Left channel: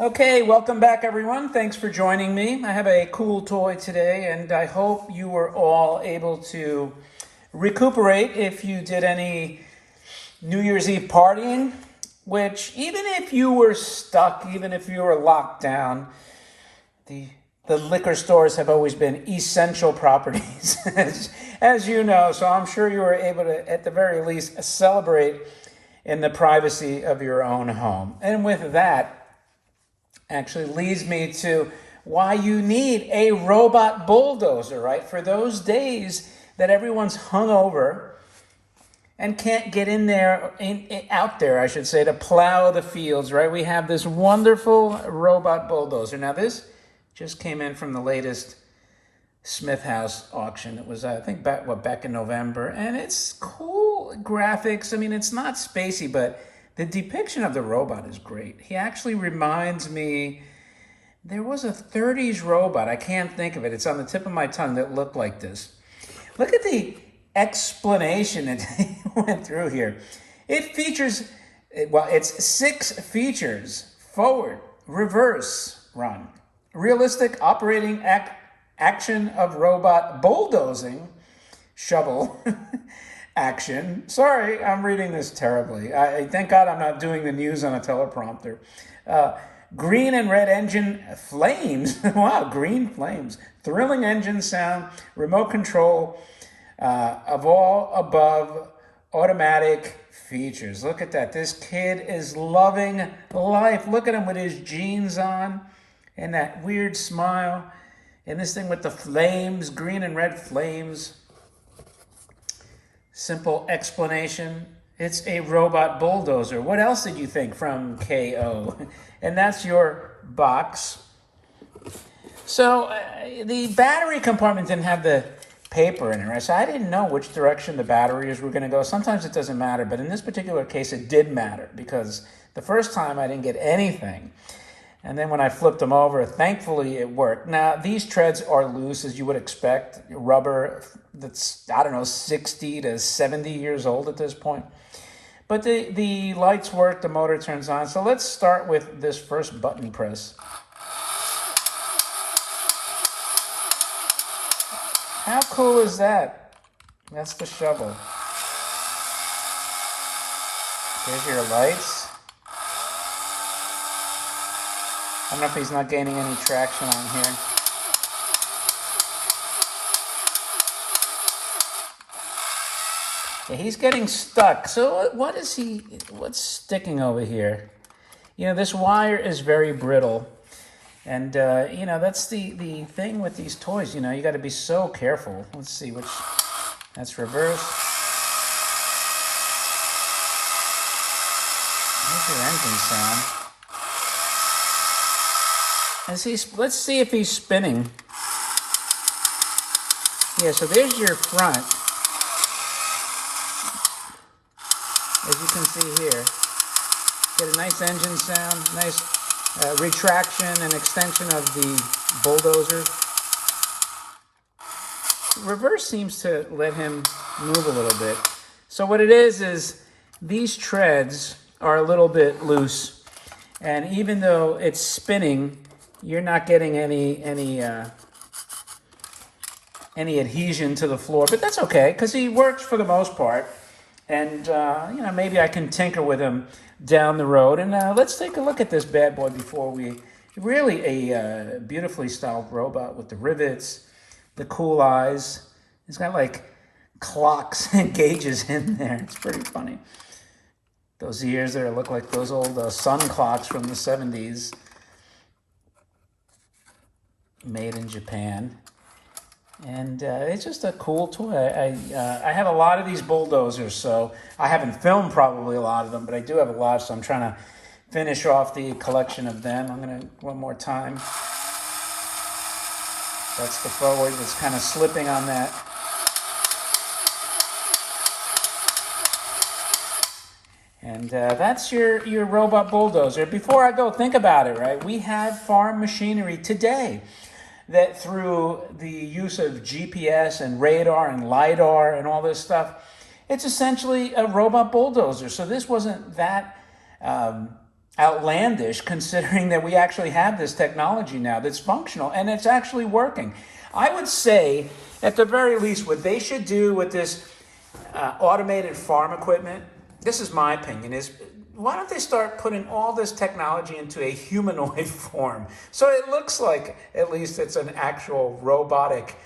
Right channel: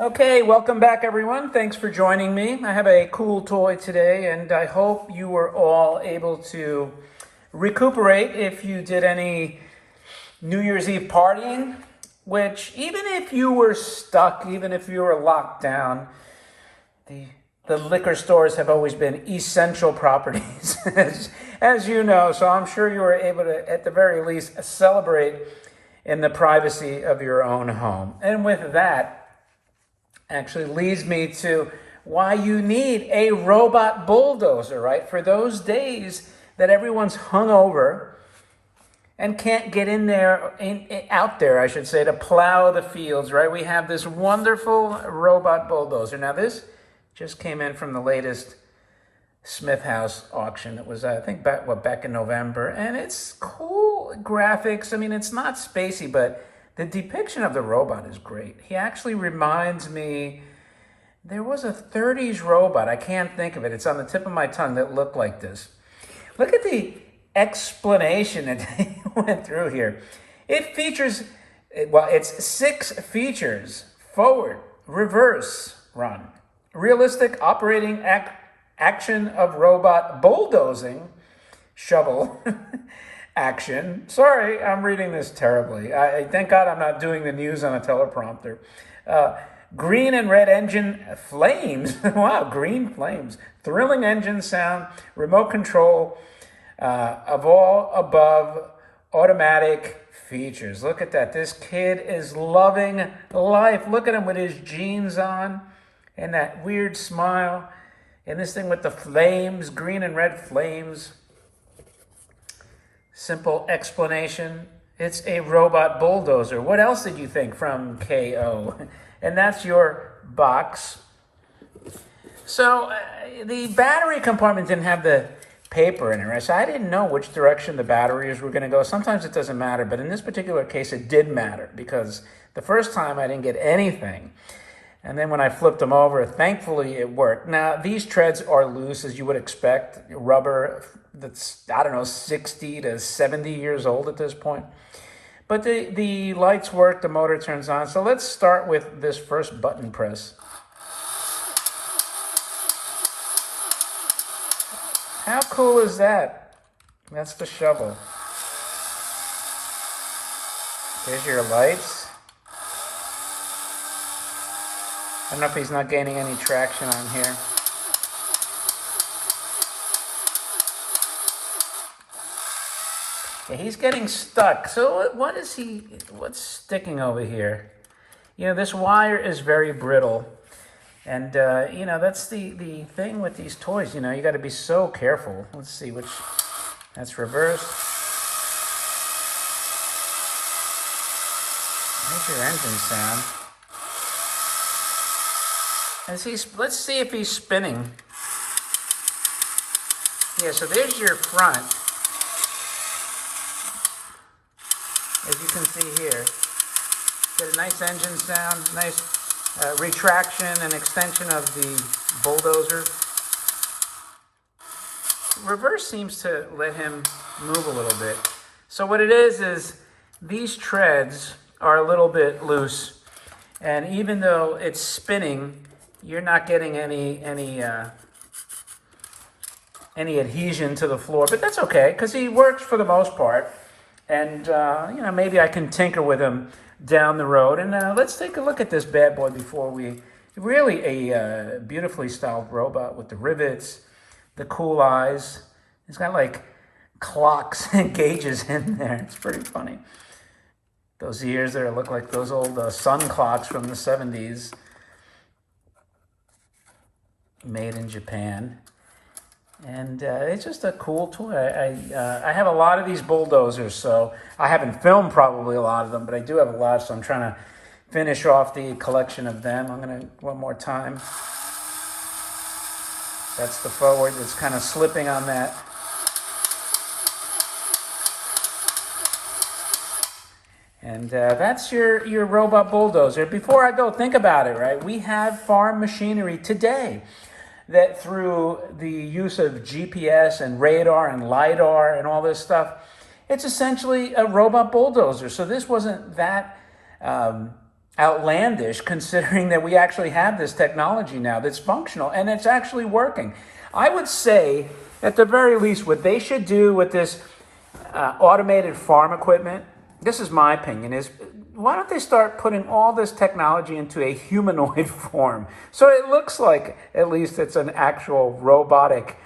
Okay, welcome back everyone. Thanks for joining me. I have a cool toy today and I hope you were all able to recuperate if you did any New Year's Eve partying, which even if you were stuck, even if you were locked down, the the liquor stores have always been essential properties, as you know, so I'm sure you were able to, at the very least, celebrate in the privacy of your own home. And with that, actually leads me to why you need a robot bulldozer, right? For those days that everyone's hungover and can't get in there, out there, I should say, to plow the fields, right? We have this wonderful robot bulldozer. Now, this just came in from the latest Smith House auction. It was, I think, back in November, and it's cool graphics. I mean, it's not spacey, but the depiction of the robot is great. He actually reminds me, there was a 30s robot, I can't think of it, it's on the tip of my tongue, that looked like this. Look at the explanation that they went through here. It features, well, it's 6 features: forward, reverse, run, realistic operating action of robot bulldozing, shovel, action. Sorry, I'm reading this terribly. Thank God I'm not doing the news on a teleprompter. Green and red engine flames. Wow, green flames. Thrilling engine sound. Remote control of all above automatic features. Look at that. This kid is loving life. Look at him with his jeans on and that weird smile. And this thing with the flames, green and red flames. Simple explanation. It's a robot bulldozer. What else did you think from KO? And that's your box. So the battery compartment didn't have the paper in it, right? So I didn't know which direction the batteries were going to go. Sometimes it doesn't matter, but in this particular case, it did matter because the first time I didn't get anything. And then when I flipped them over, thankfully it worked. Now, these treads are loose, as you would expect. Rubber that's, I don't know, 60 to 70 years old at this point. But the lights work, the motor turns on. So let's start with this first button press. How cool is that? That's the shovel. There's your lights. I don't know if he's not gaining any traction on here. Yeah, he's getting stuck. So what's sticking over here? You know, this wire is very brittle. And, you know, that's the thing with these toys. You know, you got to be so careful. Let's see which, that's reverse. There's your engine sound. Let's see if he's spinning. Yeah, so there's your front. As you can see here. Get a nice engine sound, nice retraction and extension of the bulldozer. Reverse seems to let him move a little bit. So what it is these treads are a little bit loose. And even though it's spinning, you're not getting any adhesion to the floor, but that's okay because he works for the most part. And you know, maybe I can tinker with him down the road. And let's take a look at this bad boy before we. Really a beautifully styled robot with the rivets, the cool eyes. He's got like clocks and gauges in there. It's pretty funny. Those ears there look like those old sun clocks from the 70s. Made in Japan. And it's just a cool toy. I have a lot of these bulldozers, so I haven't filmed probably a lot of them, but I do have a lot, so I'm trying to finish off the collection of them. I'm going to, one more time. That's the forward. It's kind of slipping on that. And that's your robot bulldozer. Before I go, think about it, right? We have farm machinery today that through the use of GPS and radar and LiDAR and all this stuff, it's essentially a robot bulldozer. So this wasn't that outlandish considering that we actually have this technology now that's functional and it's actually working. I would say, at the very least, what they should do with this automated farm equipment, this is my opinion, is why don't they start putting all this technology into a humanoid form? So it looks like at least it's an actual robotic,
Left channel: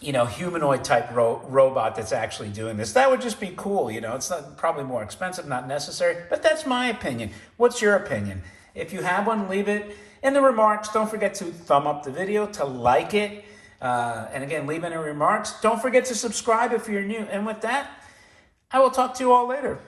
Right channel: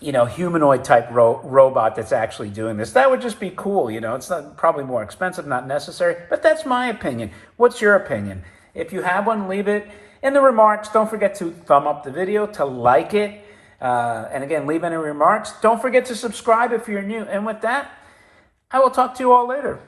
humanoid type robot that's actually doing this. That would just be cool. It's not, probably more expensive, not necessary, but that's my opinion. What's your opinion? If you have one, leave it in the remarks. Don't forget to thumb up the video, to like it. And again, leave any remarks. Don't forget to subscribe if you're new. And with that, I will talk to you all later.